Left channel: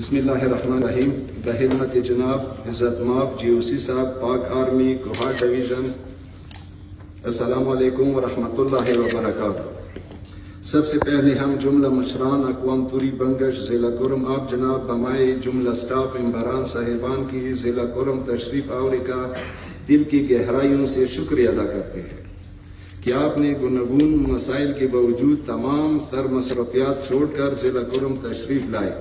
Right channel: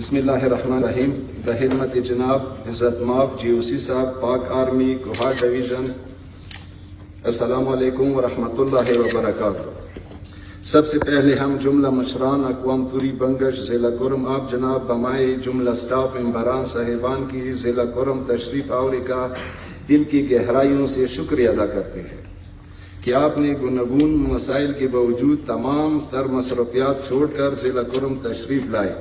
بسم اللہ الرحمن الرحیم. بحرمت جناب عزت ماب GOC صاحب پاک آرمی کوہا ڈویژن، السلام علیکم ورحمۃ اللہ وبرکاتہ. سب سے پہلے ہم جملہ مشران اقوام توری بنگش ضلع کرم آپ جناب بمائے جملہ سٹاف ممبران صاحبان کی ضلع کرم تشریف آوری کا دل کی گہرائیوں سے شکریہ ادا کرتے ہیں کہ آپ نے گوناگون مسائل کے باوجود تمام تر مصروفیات چھوڑ کر ضلع کرم تشریف لائے،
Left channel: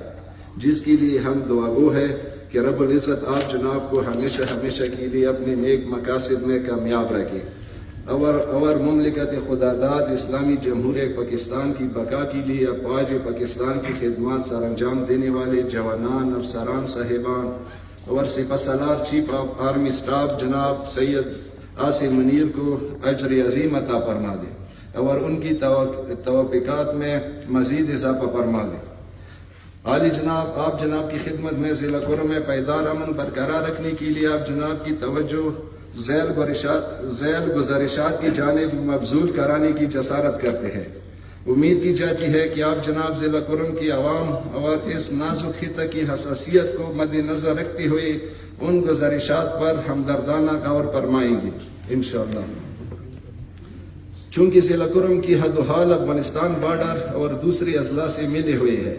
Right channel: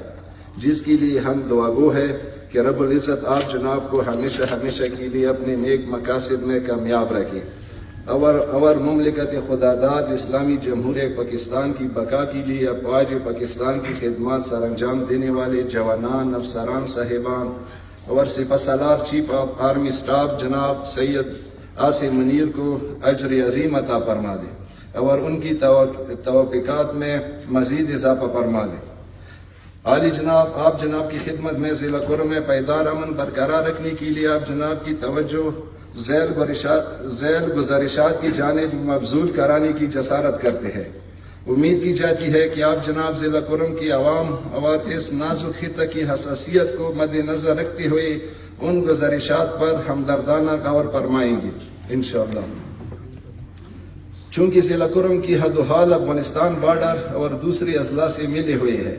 جس کے لیے ہم دعاگو ہے کہ رب العزت آپ جناب کو ہمیشہ کے لیے اپنے نیک مقاصد میں کامیاب رکھے اور مملکت خداداد اسلامی جمہوریہ پاکستان کی بقا کے لیے افواج پاکستان کی خدمات سر انجام دینے والے جوانان، افسران صاحبان اور سپہ سالار چیف آف آرمی سٹاف جناب سید عاصم منیر کو اجر عظیم عطا فرما دے اور ان کی توفیقات میں مزید اضافہ فرما دے. عالی جناب، آپ جناب کی خدمت میں ضلع کرم میں پائیدار امن برقرار رکھنے کے لیے آپ جناب کی توجہ ذیل گزارشات کی جانب مبذول کرانے کی جسارت کرتے ہیں. امید کی جاتی ہے کہ آپ جناب ضلع کرم کی عوام اور اس نازک خطہ کی حساسیت کو مد نظر رکھتے ہوئے ان گزارشات پر ہمدردانہ غور فرمائیں گے انشاءاللہ. چونکہ ضلع کرم کی حد و حال افغانستان بارڈر اور دوسرے اضلاع سے ملے ہوئے ہے،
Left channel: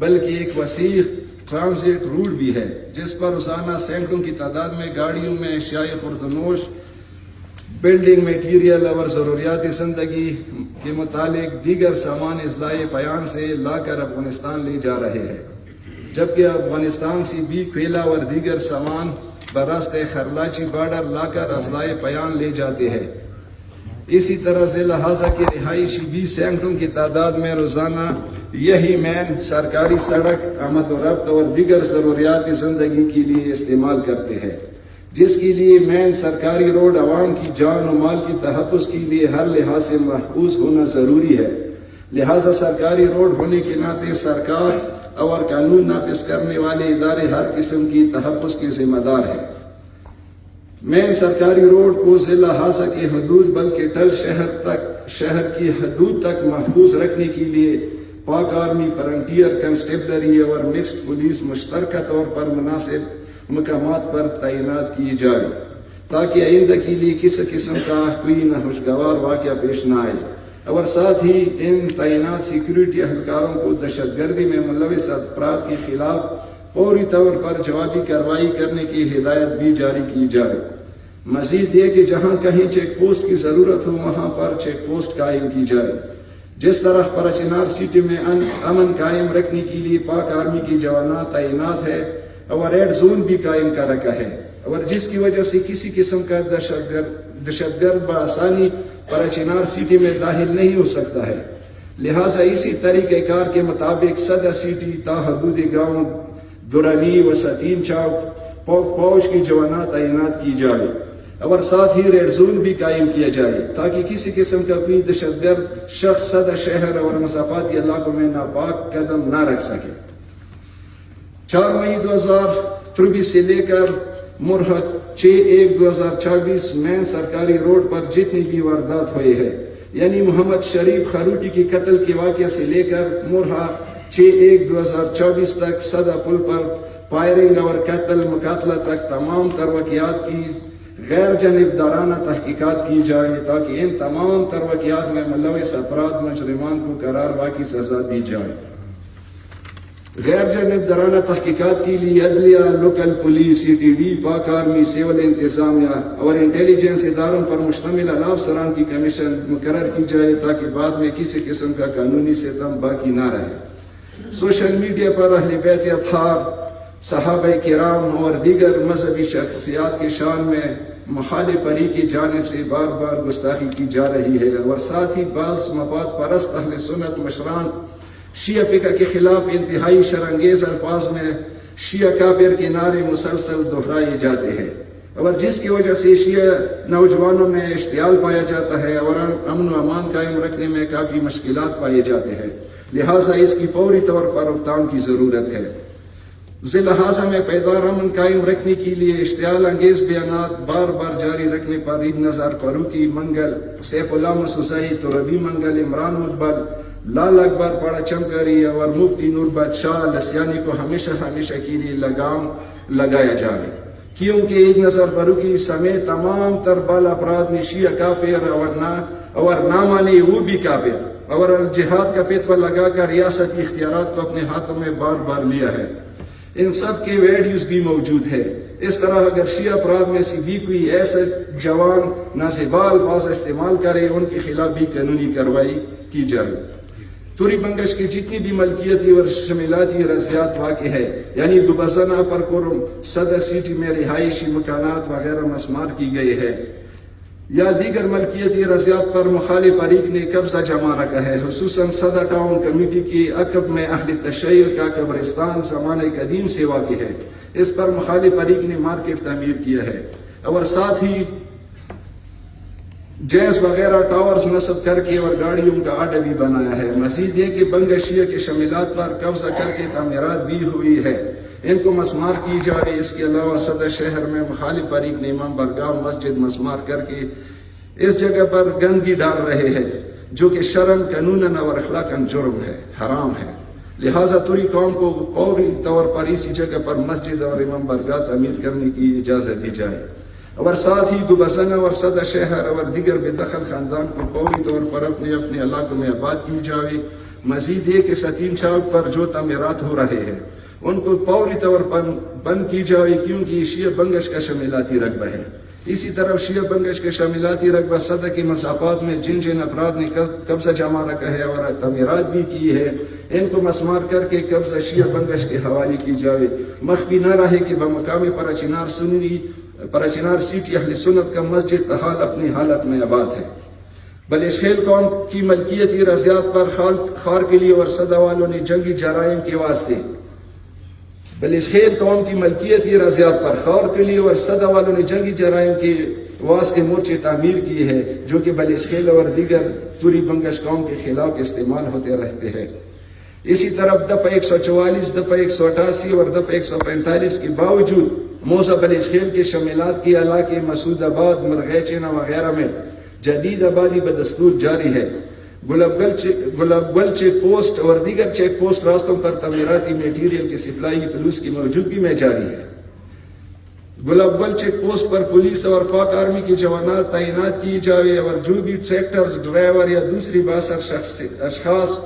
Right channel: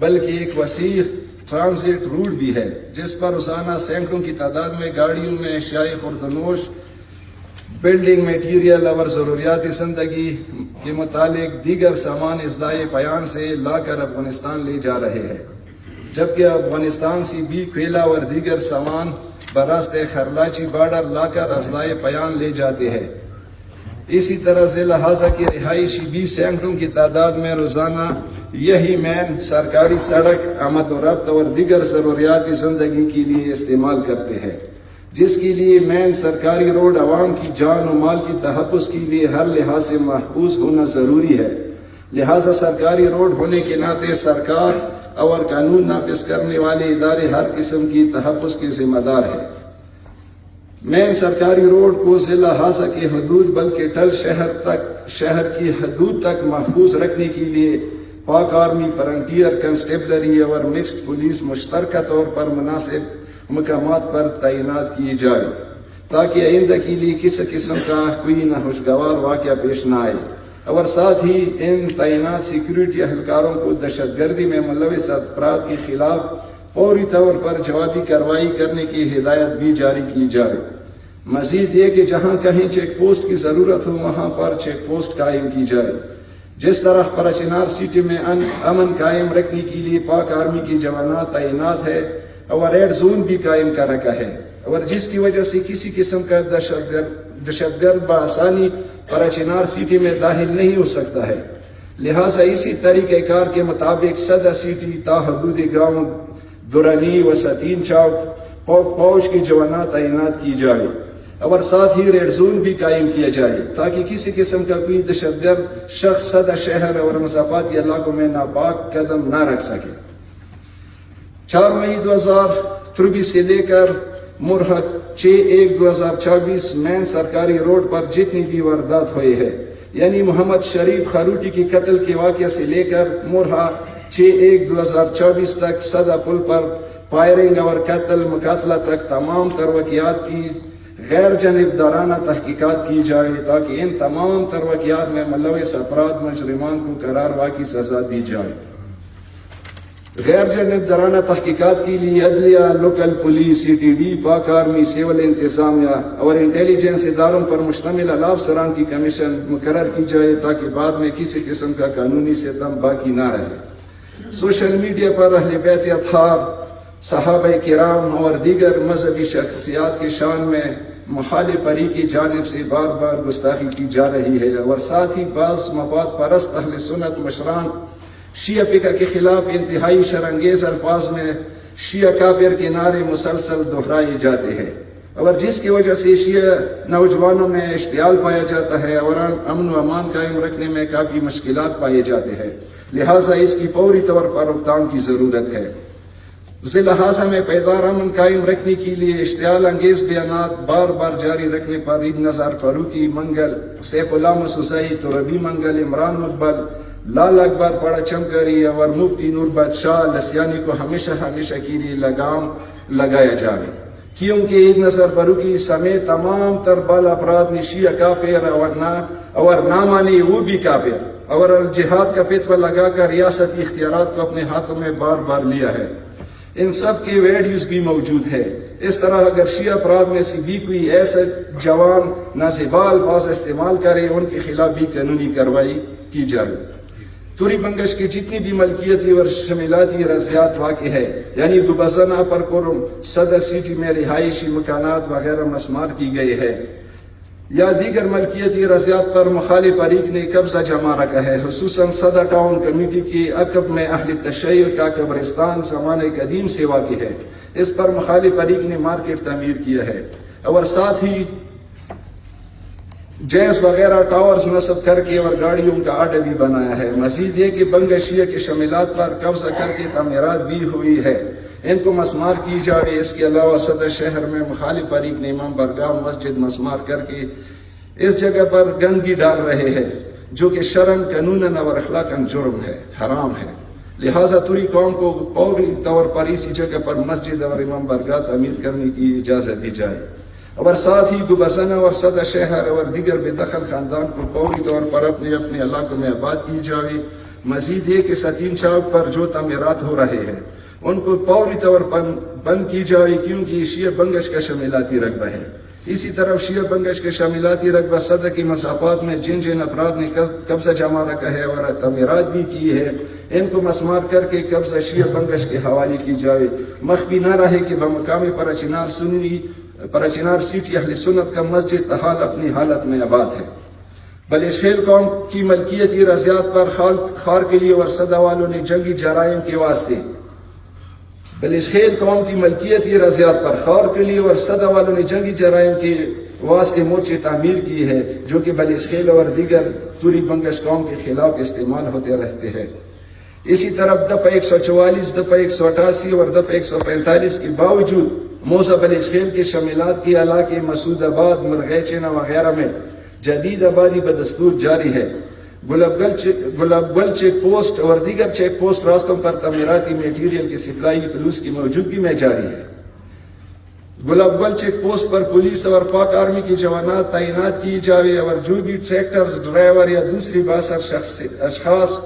بلکہ ایک وسیع ٹرانزٹ روٹ بھی ہے جس پر روزانہ سینکڑوں کی تعداد میں گاڑیوں میں اشیاء خوردنوش، بلڈنگ میٹیریل اور ضروریات زندگی کے متعلق دیگر سامان اضلاع پیان سے لا کر افغانستان لے جا رہے ہیں، جبکہ افغانستان سے بھی کوئلہ اور دیگر سامان براست خرلاچی بارڈر لا کر اضلاع پیان لے جاتے ہیں. اسی طرح ضلع ہازہ کی رہائشی بھی سینکڑوں کی تعداد میں روزانہ یہی مین سرکاری سڑک آمد و رفت اور دیگر ضروریات زندگی کے لیے استعمال کرتے ہیں، جس کے لیے مین سرکاری روڈ عوام کی جان و مال کی تحفظ کے لیے ہر لحاظ سے محفوظ ہونا ضروری ہے. لہذا سرکاری روڈ ہونے کے ناطے سرکار اور قانون نافذ کرنے والے ادارے ہر قسم کی تحفظ کے ذمہ دار ہیں. مین سرکاری روڈ کو ضلع ہازہ کی حدود بلکہ ٹل شہر کی حدود تک محفوظ رکھنے کے لیے پاک آرمی، فرنٹیئر کنسٹیبلری اور مکسڈ پولیس مشترکہ طور پر مناسب مقامات پر تعینات کی جائے تاکہ آئندہ کے لیے کسی قسم کا کوئی ناخوشگوار واقعہ پیش نہ آئے، اور ساتھ ہی ان تعینات سیکیورٹی اہلکاروں کو دہشت گردی میں ملوث افراد کے خلاف فوری طور پر جوابی کارروائی کرنے کی ہدایت بھی جاری کی جائے. مزید یہ کہ جہاں کہیں چیک پوسٹ کی ضرورت ہو وہاں پر چیک پوسٹ قائم کی جائے. جس طرح پراچینار سٹی میں امن قائم رکھنے کے لیے پاک آرمی کی جوانات تعینات ہے اور ریڈ زون بھی قائم کر رکھا ہے، اور جس کی وجہ سے کسی قسم کا دہشت گرد بآسانی پراچینار سٹی میں داخل نہیں ہو سکتا ہے. لہٰذا اسی طریقہ کار کے مطابق صدر سٹی تا حدود گاؤں دورانی و ستین چوک فوج کی جوانات تعینات کی جائے اور ساتھ ہی ریڈ زون بھی قائم کیا جائے تاکہ کسی قسم کا کوئی دہشت گرد شخص صدر شہر اور مسافاتی علاقوں میں ناپاک قدم نہ رکھ سکے. 4 مئی 2023 سے لے کر مرحلہ 6/1/2024 مین سرکاری روڈ پر جتنی بھی واردات ہوئے ہیں، یعنی محمد شریف خروٹی کے قتل کے واقعے سے لے کر مرحلہ 6/1/2024 تک صدا پل پر فائرنگ اور قتل مقاتلہ تک تمام تر واقعات کی غیر جانبدارانہ تحقیقات کی جائے تاکہ ان تمام تر واقعات میں ملوث افراد مجرمان کو قرار واقعی سزا دی جائے. غیر جانبدارانہ تحقیقات کے لیے عدلیہ، لوکل پولیس، CTD، پاک آرمی، سول انتظامیہ اور انٹیلیجنس اداروں پر مشتمل اعلیٰ افسران کی کمیشن مقرر کی جائے تاکہ بعد میں کسی قسم کا قانونی ستم باقی نہ رہے. سوشل میڈیا پر اہل بیت اطہار، صحابہ کرام اور دیگر مذہبی شخصیات کے شان میں مخالف پری کی جانب سے بار بار گستاخی کی جا رہی ہے، اور ساتھ ہی بعض مفاد پرست اہل سنت مشران شیعہ فقہ کے خلاف انتہائی شرانگیز الفاظ میں شیعہ کافر کے نعرے مسلسل دہرائے جاتے ہیں، اور جس کی وجہ سے شیعہ نوجوانوں میں اشتعال پایا جاتا ہے اور امن و امان قائم رکھنے میں کافی مشکلات پائے جاتے ہیں. لہٰذا اس کی فوری طور پر روک کی ضرورت ہے. ضلع ہازہ میں پائیدار امن قائم رکھنے کے لیے اشتعال انگیز بیانات بار بار جاری رکھنے پر عید نظر فاروقی منگل، سیف اللہ مسوسئی، تربی منگل، عمران مقبل، لال اکبر بڑا چمکری اور مفتی نور بادشاہ لسیانی کو ہمیشہ ہمیشہ کے لیے لگام لگایا جائے، کیونکہ عید نصر بروکی سمیت تمام تر بال افراد نے شیعہ کافر اور نہ مانے وہ بھی کافر اور جہاد کا پیتوا لگا کر ریاستی اختیارات کو اپنے ہاتھوں میں بار بار لیا ہے۔ ان سب کے ویڈیوز بھی موجود ہے۔ اس طرح اگر شیعہ افراد میں سے بھی کوئی ایسا جوان نازیبال باز استعمال کرے، ان کے خلاف بھی قانونی کارروائی کی جائے۔ توری بنگش کی جتنی بھی ملکیتی اور شمیلاتی رضیات واقع ہے، یعنی دوبازنہ پر قرم صدر سٹی میں رہائشی مکانات وغیرہ مسمار کی گئی ہے، یا دیگر ملکیتی رضیات پر مخالف فریق نے قبضہ جما رکھا ہے، خصوصاً صدر ٹاؤن کمیٹی کی عقب میں اہل تشیع کا قبرستان زمانہ قدیم سے واقع ہے، اس پر مخالف فریق نے مارکیٹ تعمیر کیا ہے اور ساتھ ہی جیز وغیرہ ٹاورز نصب کر کے اور گاڑیوں کا اڈا بھی بنایا ہے۔ مزید یہ کہ بنگا شیعہ کے شمیلات پر قبضہ کر کے تعمیرات بھی ہوئی ہے، ان کو مسمار کی جائے۔ اس کے علاوہ صدر شہر میں مخالف فریق نے امام برگاہ مسجد مسمار کر کے اس جگہ پر گندگی ڈال رہے ہیں، جو کہ شرعاً قانوناً اور اخلاقاً جرم ہے، حرام ہے۔ لہٰذا توری قوم کو فوری طور پر اسی جگہ پر مسجد اور امام برگاہ تعمیر کرنے کی اجازت دی جائے، اور ساتھ ہی دوبازنہ اور صدر شہر اور دیگر بے دخل خاندان کو فوری طور پر اپنے اپنے علاقوں میں آباد کی جائے۔ مزید یہ کہ ستین چوک پر جو تعمیرات ہو رہے ہیں ان کو فوری طور پر بند کی جائے، کیونکہ شیعہ بنگش کا شمیلاتی رقبہ ہے۔ اسی طرف شیعہ بنگش کے شمیلاتی رقبہ صدر کی مسافات میں جن جن افراد نے قبضہ جما رکھا ہے اور تعمیرات بھی کی ہے، ان کو مسمار کر کے قبضہ شیعہ بنگش کے حوالے کی جائے۔ مخفی نہ رہے کہ بمقام پراچینار سٹی اہل سنت کا مسجد تحال اپنی حالت میں آباد ہے۔ بلشخیل قوم کی ملکیتی رضیات پر خار کے لیے اور صدہ والوں نے جنگی جرائم کے واسطے بلشخیل قوم کی ملکیتی رضیات پر خار کے لیے اور صدہ والوں نے جنگی جرائم کے واسطے مورچے تعمیر کیے ہیں، جو کہ بلشخیل اور دیگر توری بنگش قوم کے خلاف استعمال ہوتے رہتے ہیں۔ اسی طرف دپہ 144، دپہ 188 اور دپہ 145 کے باوجود موضع بلشخیل کے شمیلات کے علاقے مسعود آباد، مرغیچینہ وغیرہ میں جدید آبادی بدستور جاری ہے۔ گلاب گل چیک پوسٹ اور دیگر چیک پوسٹ راستوں پر تعمیراتی میٹیریل کی سپلائی پولیس کی موجودگی میں جاری ہے۔ گلاب گل چیک پوسٹ پر پولیس اور پاک آرمی کے جوانات تعینات کی جائے، اور جو بھی ٹریکٹر ڈرائیور یا دوسری بااثر اشخاص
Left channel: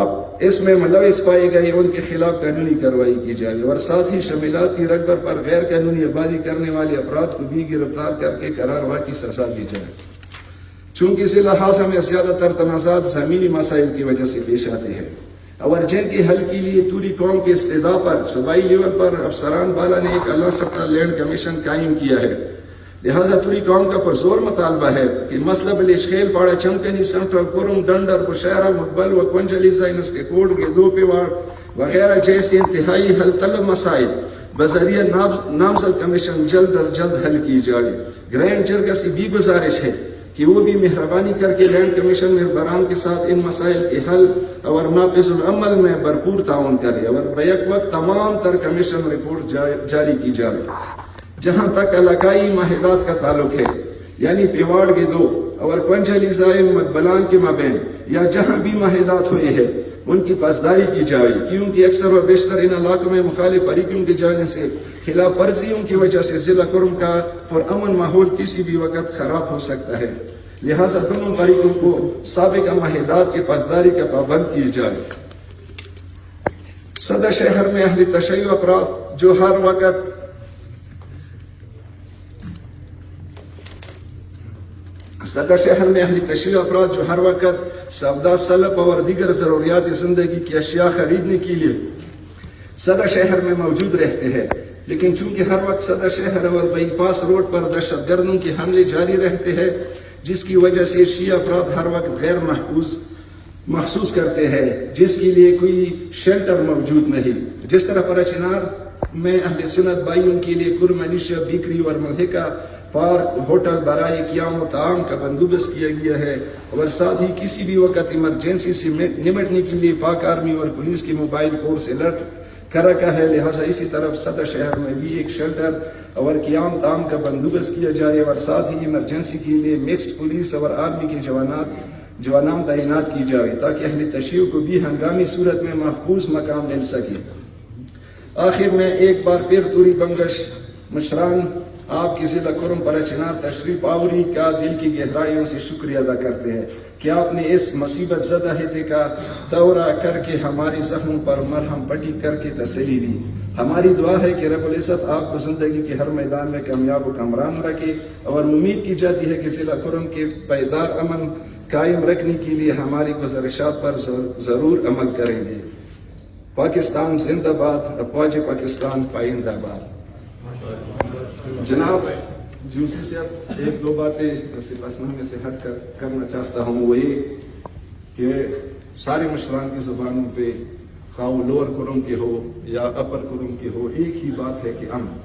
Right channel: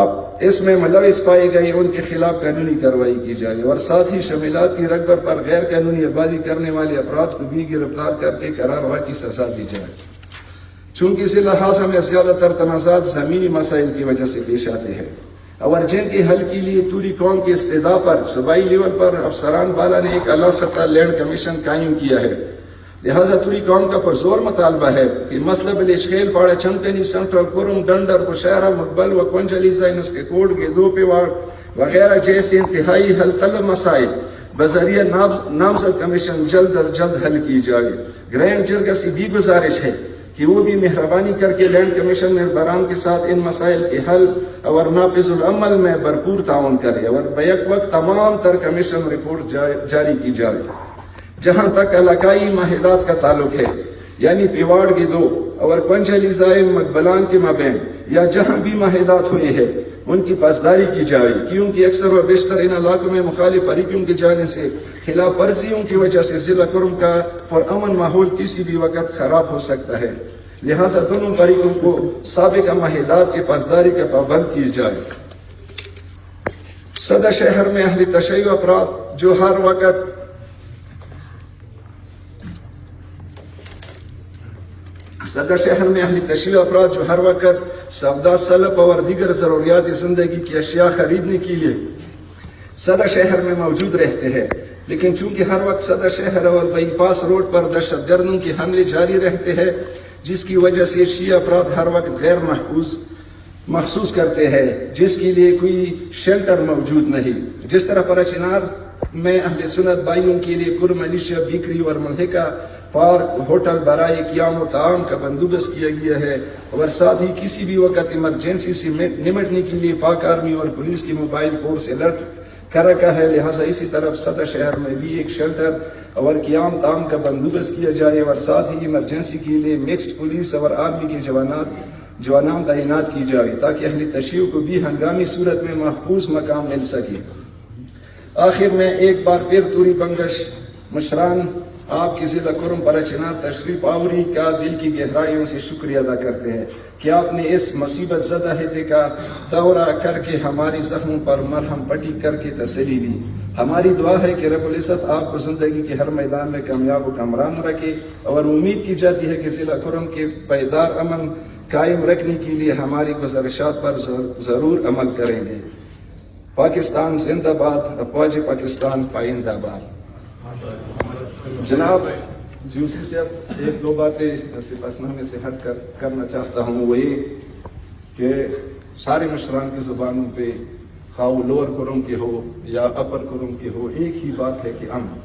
اب اس میں ملوث پائے گئے ان کے خلاف قانونی کارروائی کی جائے، اور ساتھ ہی شمیلات کی رقبہ پر غیر قانونی آبادی کرنے والے افراد کو بھی گرفتار کر کے قرار کی سزا دی جائے۔ چونکہ اس لحاظ میں زیادہ تر تنازعات زمینی مسائل کی وجہ سے پیش آتے ہیں، اور جن کے حل کے لیے توری قوم کے استدعاء پر صوبائی لیول پر افسران والا نے ایک اعلیٰ سطح لینڈ کمیشن قائم کیا ہے۔ لہذا توری قوم کا پرزور مطالبہ ہے کہ مسئلہ بلشخیل، باڑہ چمکنی، سینٹرل کرم، ڈنڈر، بشہرہ، مقبل و کنجلی زائنس کے کوٹ، گیدو پیواڑ وغیرہ جیسے انتہائی حل طلب مسائل بذریعہ نامزد کمیشن جلد از جلد حل کی جائے۔ گرینڈ جرگہ سے بھی گزارش ہے کہ وہ بھی مہربانی کر کے لینڈ کمیشن ممبران کے ساتھ ان مسائل کے حل اور نافذ العمل میں بھرپور تعاون کرے، اور بیک وقت تمام تر کمیشن رپورٹ جاری کی جائے۔ جہاں تک علاقائی معاہدات کا تعلق ہے، یعنی پیواڑ گیدو اور کنجلی زائم مقبلان کے مابین یا جہاں بھی معاہدات ہوئے ہیں ان کی پاسداری کی جائے، کیونکہ اکثر و بیشتر ان علاقوں میں مخالف فریقوں کی جانب سے خلاف ورزیوں کی وجہ سے ضلع کرم کا پرامن ماحول کسی بھی وقت خراب ہو سکتا ہے۔ لہذا دونوں فریقوں کو سابقہ معاہدات کی پاسداری کا پابند کی جائے۔ صدر شہر میں اہل تشیع افراد جو ہر وقت سودا، سلب اور دیگر ضروریات زندگی کی اشیاء خریدنے کے لیے صدر شہر میں موجود رہتے ہیں، لیکن چونکہ ہر وقت صدر شہر اور بائی پاس روڈ پر دہشت گردوں کے حملے جاری رہتے ہیں، جس کی وجہ سے شیعہ افراد ہر وقت غیر محسوس کرتے ہیں، جس کے لیے کوئی شیلٹر موجود نہیں۔ جس طرح پراچینار میں اہل سنت بھائیوں کے لیے کل منشیہ، بیکری اور ملحقہ پارک، ہوٹل برائے قیام و طعام کا بندوبست کیا گیا ہے، اور ساتھ ہی کسی بھی وقت ایمرجنسی سے نمٹنے کے لیے پاک آرمی اور پولیس کی موبائل فورس الرٹ کر رکھا ہے۔ لہٰذا اسی طرف صدر شہر میں بھی ایک شیلٹر اور قیام طعام کا بندوبست کیا جائے، اور ساتھ ہی ایمرجنسی کے لیے مکسڈ پولیس اور آرمی کے جوانات جوانان تعینات کی جائے تاکہ اہل تشیع کو بھی ہنگامی صورت میں محفوظ مقام مل سکے۔ آخر میں ایک بار پھر توری بنگش مشران آپ کی ضلع کرم پرچنار تشریف آوری کا دل کی گہرائیوں سے شکریہ ادا کرتے ہیں کہ آپ نے اس مصیبت زدہ خطے کا دورہ کر کے ہماری زخموں پر مرہم پٹی کر کے تسلی دی۔ ہماری دعا ہے کہ رب العزت آپ کو زندگی کے ہر میدان میں کامیاب و کامران رکھے، اور امید کی جاتی ہے کہ ضلع کرم کے پائیدار امن قائم رکھنے کے لیے ہماری گزارشات پر ضرور عمل کریں گے۔ پاکستان زندہ باد، افواج پاکستان پائندہ باد۔ جناب جوسی سے ایک دو باتیں سپاسنامے سے ہٹ کر کرنا چاہتا ہوں، وہ یہ کہ سارے مشران کی زبانوں پہ خواہ وہ لوور کرم کے ہو یا اپر کرم کے ہو ایک ہی بات ہے کہ امن،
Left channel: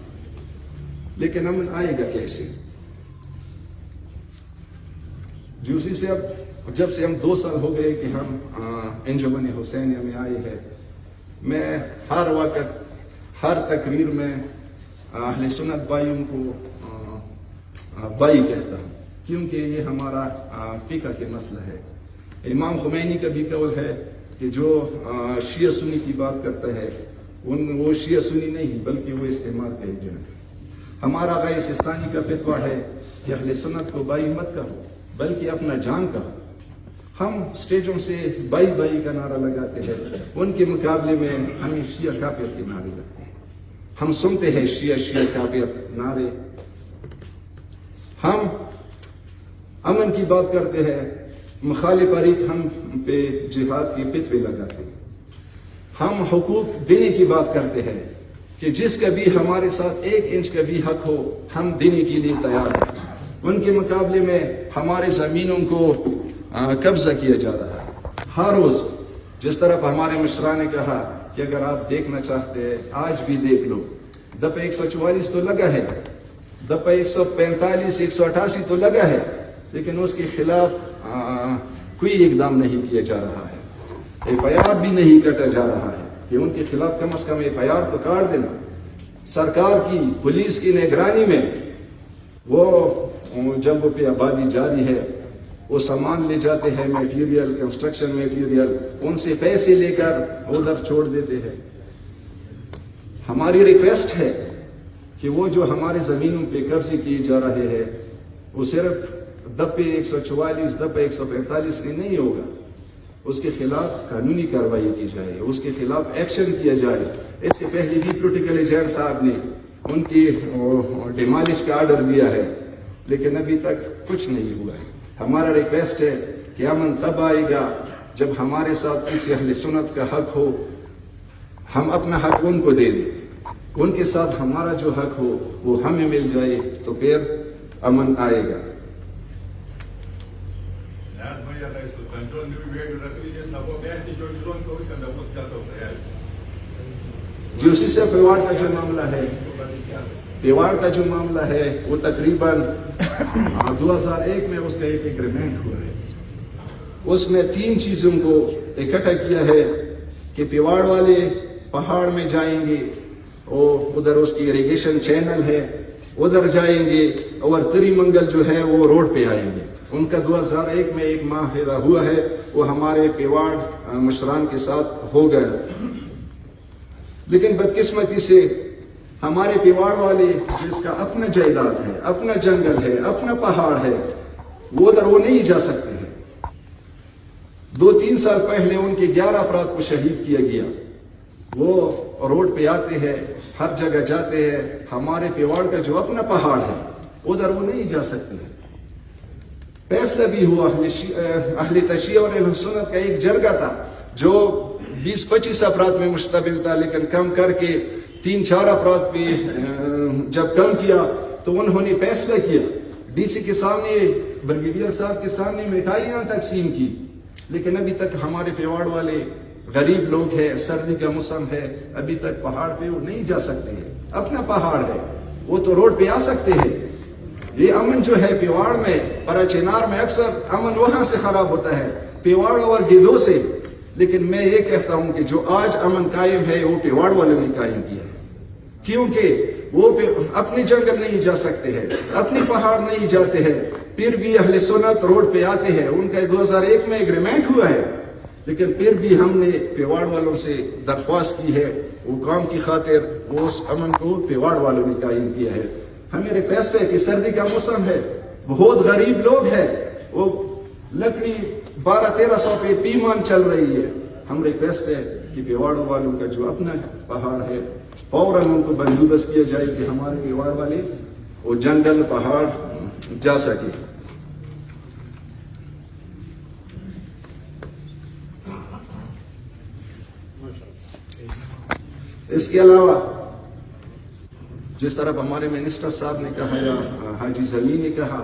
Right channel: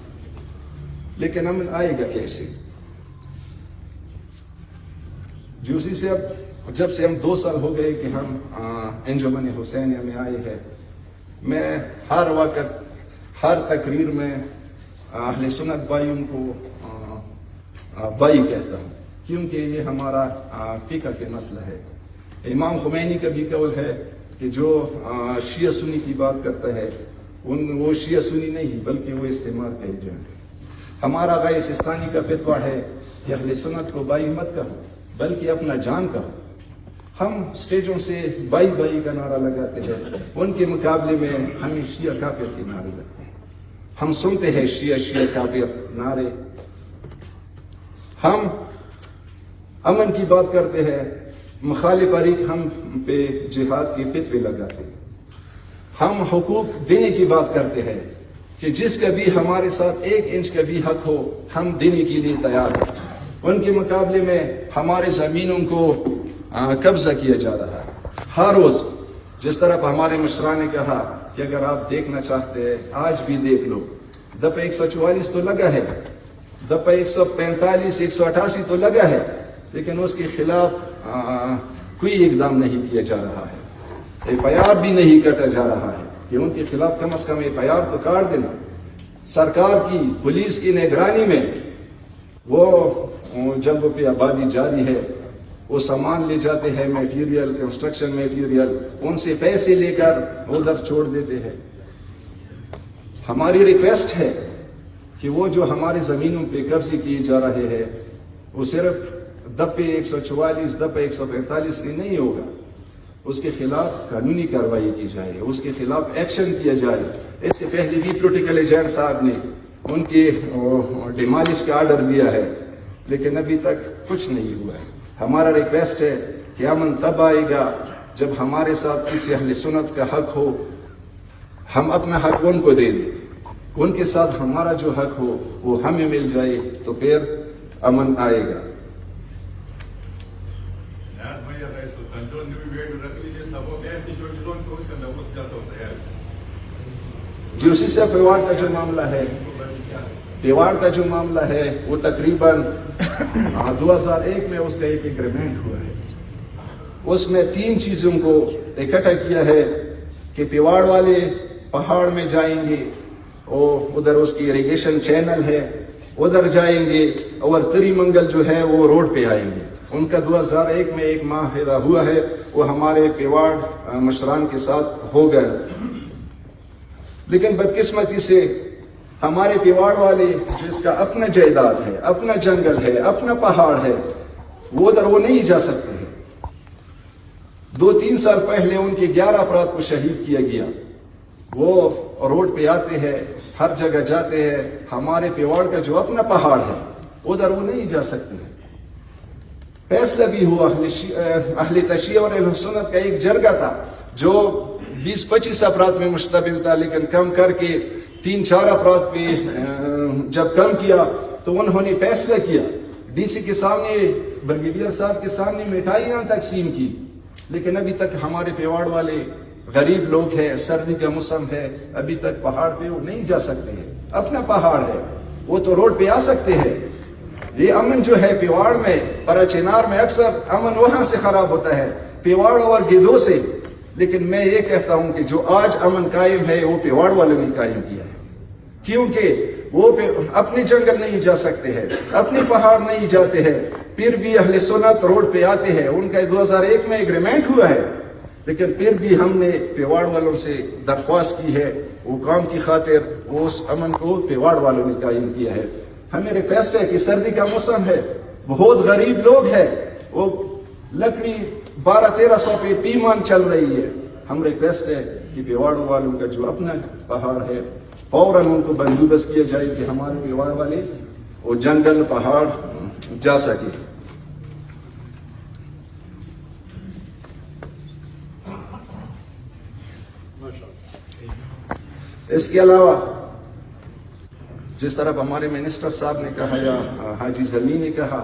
لیکن امن آئے گا کیسے؟ جوسی سے اب جب سے ہم 2 سال ہو گئے کہ ہم انجمن حسینیہ میں آئے ہیں، میں ہر وقت ہر تقریر میں اہل سنت بھائیوں کو بھائی کہتا ہوں، کیونکہ یہ ہمارا فکر کے مسئلہ ہے۔ امام خمینی کا بھی قول ہے کہ جو شیعہ سنی کی بات کرتا ہے وہ شیعہ سنی نہیں بلکہ وہ استعمار کا ایجنٹ ہے۔ ہمارا غیر سستانی کا فتویٰ ہے کہ اہل سنت کو بھائی مت کہو بلکہ اپنا جان کہو۔ ہم سٹیجوں سے بائی بائی کا نعرہ لگاتے ہیں، ان کے مقابلے میں ہمیں شیعہ کافر کے نعرے لگتے ہیں۔ ہم سنتے ہیں شیعہ کافر نعرے، ہم امن کی بات کرتے ہیں، مخالف فریق ہم پہ جہاد کے فتوے لگاتے ہیں۔ ہم حقوق دینے کی بات کرتے ہیں کہ جس کا بھی ہمارے ساتھ 1 انچ کا بھی حق ہو ہم دینے کے لیے تیار ہیں۔ ان کے مقابلے میں ہمارے زمینوں کو قبضہ کیا جا رہا ہے۔ ہر روز جس طرح ہمارے مشران نے کہا کہ اگر آپ دیکھنا چاہتے ہیں آج بھی دیکھ لو، دفعہ 144 تو لگا ہے، دفعہ 145 188 تو لگا ہے، لیکن اس کے خلاف کوئی اقدام نہیں کیا جا رہا ہے، FIR بھی نہیں کاٹا جا رہا ہے کہ ان کے خلاف کم از کم FIR تو کاٹ دینا۔ سرکار کی پولیس کی نگرانی میں وہ جب پہ آبادی جاری ہے وہ سامان لے جاتے ہیں، میٹیریل، کنسٹرکشن میٹیریل، ان سے پیسے لے کر ادھر چھوڑ دیتے ہیں۔ ہماری ریکویسٹ ہے کہ وہ جو ہمارے زمینوں پہ قبضے کیے جا رہے ہیں وہ صرف دفعہ 144 دفعہ 145 سے نہیں ہوگا، اس کے خلاف قانونی کارروائی کی جائے، اس کے خلاف ایکشن کیا جائے۔ اس سے پہلے بھی پولیٹیکل ایجنٹ صاحب نے ان کی ڈیمالش کا آرڈر دیا ہے، لیکن ابھی تک کچھ نہیں ہوا ہے۔ ہمارا ریکویسٹ ہے کہ امن تب آئے گا جب ہمارے ساتھ کسی اہل سنت کا حق ہو، ہم اپنا حق ان کو دے دیں، ان کے ساتھ ہمارا جو حق ہو وہ ہمیں مل جائے تو پھر امن آئے گا۔ جوسی سے پیواڑ کا جو معاملہ ہے، پیواڑ کا جو معاملہ ہے وہ تقریباً 2001 میں اس کا ایک ایگریمنٹ ہوا ہے۔ اس میں 3 چیزوں کو اکٹھا کیا ہے کہ پیواڑ والے پہاڑ میں جائیں گے اور ادھر اس کی اریگیشن چینل ہے ادھر جائیں گے، اور تری منگل جو ہے وہ روڈ پہ آئیں گے۔ ان کا 2001 میں ایک معاہدہ ہوا ہے، وہ ہمارے پیواڑ مشران کے ساتھ ہو گیا، لیکن بدقسمتی سے ہمارے پیواڑ والے جس کا اپنا جائیداد ہے، اپنا جنگل ہے، اپنا پہاڑ ہے، وہ ادھر وہ نہیں جا سکتے ہیں۔ 2-3 سال پہلے ان کے 11 افراد کو شہید کیا گیا۔ وہ روڈ پہ آتے ہیں، ہر جگہ جاتے ہیں، ہمارے پیواڑ کا جو اپنا پہاڑ ہے ادھر وہ نہیں جا سکتے ہیں۔ فیصلہ بھی ہوا، اہل تشیع اور اہل سنت کا ایک جرگہ تھا جو 20-25 افراد میں مشتمل تھا، لیکن کم کر کے 3-4 افراد پہ جب کم کیا تو انہوں نے فیصلہ کیا، DC کے سامنے، بریگیڈیئر صاحب کے سامنے مٹھائیاں تقسیم کی، لیکن ابھی تک ہمارے پیواڑ والے غریب لوگ ہیں، سردی کا موسم ہے، ابھی تک پہاڑ پہ وہ نہیں جا سکتے ہیں۔ اپنا پہاڑ ہے، وہ تو روڈ پہ آ سکتے ہیں۔ یہ امن جو ہے پیواڑ میں، پراچینار میں اکثر امن وہاں سے خراب ہوتا ہے، پیواڑ اور گدھوں سے، لیکن میں یہ کہتا ہوں کہ جو آج امن قائم ہے وہ پیواڑ والے نے قائم کیا ہے، کیونکہ وہ اپنے جنگل نہیں جا سکتے ہیں، اپنے پہاڑ نہیں جاتے ہیں، پھر بھی اہل سنت روڈ پہ آتے ہیں. ان کا 2001 میں ایگریمنٹ ہوا ہے, لیکن پھر بھی ہم نے پیواڑ والوں سے درخواست کی ہے, وہ کام کی خاطر اس امن کو پیواڑ والوں نے قائم کیا ہے. ہمیں ریکویسٹ ہے کہ سردی کا موسم ہے, بہت غریب لوگ ہیں, وہ لکڑی 1200-1300 پہ پیمان چل رہی ہے. ہم ریکویسٹ ہے کہ پیواڑ والوں کا جو اپنا پہاڑ ہے فوراً ان کو بندوبست کیا جائے کہ ہمارے پیواڑ والے وہ جنگل پہاڑ جا سکے. اس کے علاوہ جس طرح ہمارے منسٹر صاحب نے کہا یا حاجی زمین نے کہا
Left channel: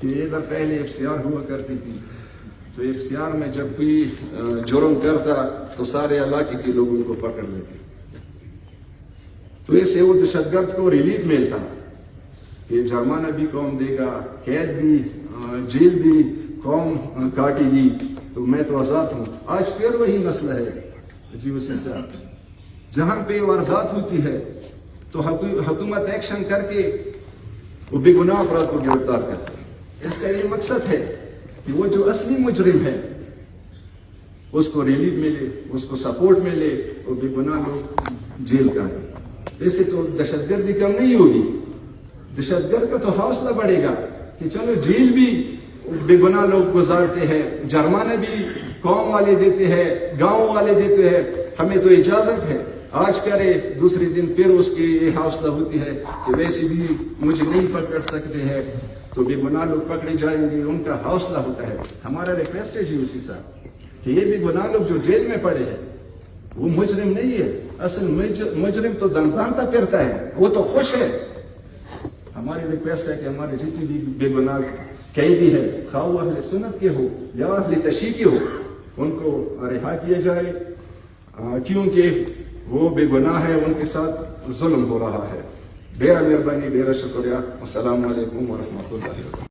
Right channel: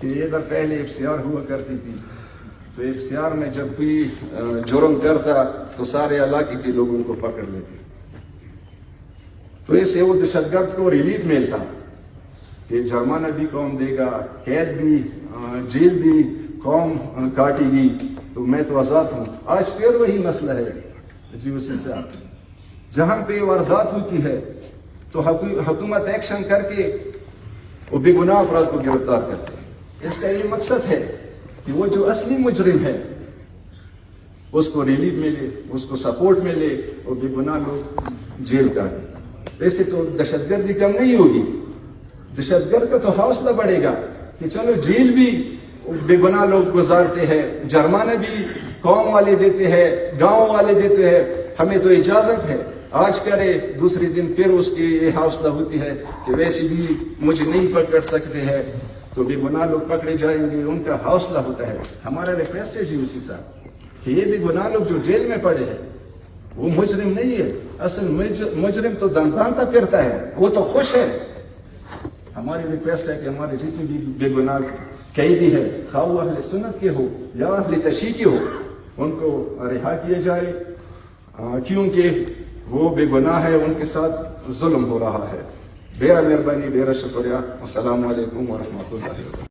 کہ ادھر پہلے FCR ہوا کرتی تھی, تو FCR میں جب کوئی جرم کرتا تو سارے علاقے کے لوگ ان کو پکڑ لیتے, تو اس سے وہ دہشت گرد کو ریلیف ملتا کہ جرمانہ بھی قوم دے گا, قید بھی, جیل بھی قوم کاٹے گی, تو میں تو آزاد ہوں. آج پھر وہی مسئلہ ہے جی وسیع صاحب, جہاں پہ واردات ہوتی ہے تو حکومت ایکشن کر کے وہ بے گناہ افراد کو گرفتار کرتے ہیں. اس کا یہ مقصد ہے کہ وہ جو اصلی مجرم ہے اس کو ریلیف ملے, اس کو سپورٹ ملے, اور بے گناہ لوگ جیل کا. ایسے تو دہشت گردی کم نہیں ہوگی, دہشت گرد کا تو حوصلہ بڑھے گا کہ چلو جیل بھی بے گناہ لوگ گزارتے ہیں, جرمانہ بھی قوم والے دیتے ہیں, گاؤں والے دیتے ہیں, ہمیں تو اجازت ہے آج کرے, دوسری دن پھر اس کی یہ حوصلہ ہوتی ہے کہ ویسے بھی مجھے نہیں پکڑ سکتے ہیں تو بے گناہ لوگ پکڑے جائیں گے, ان کا حوصلہ ہوتا ہے. ہمارا ریکویسٹ ہے جی اسی صاحب کہ یہ بے گناہ لوگ جو جیل میں پڑے ہیں وہ مجرم نہیں ہے, اصل مجرم تو دمدانتا پھرتا ہے, وہ تو خوش ہے. ہماری ریکویسٹ ہے کہ ہمارے جتنے بھی بے گناہ قیدی ہے, خواہ وہ اہل سنت کے ہو یا اہل تشیع کے ہو, ان کو رہا کیا جائے, کیونکہ وہ بے گناہ ہے, ان کے ساتھ ظلم ہو رہا ہے. ڈیرا مہربانی, ڈیرا شکریہ. السلام علیکم ورحمۃ اللہ وبرکاتہ.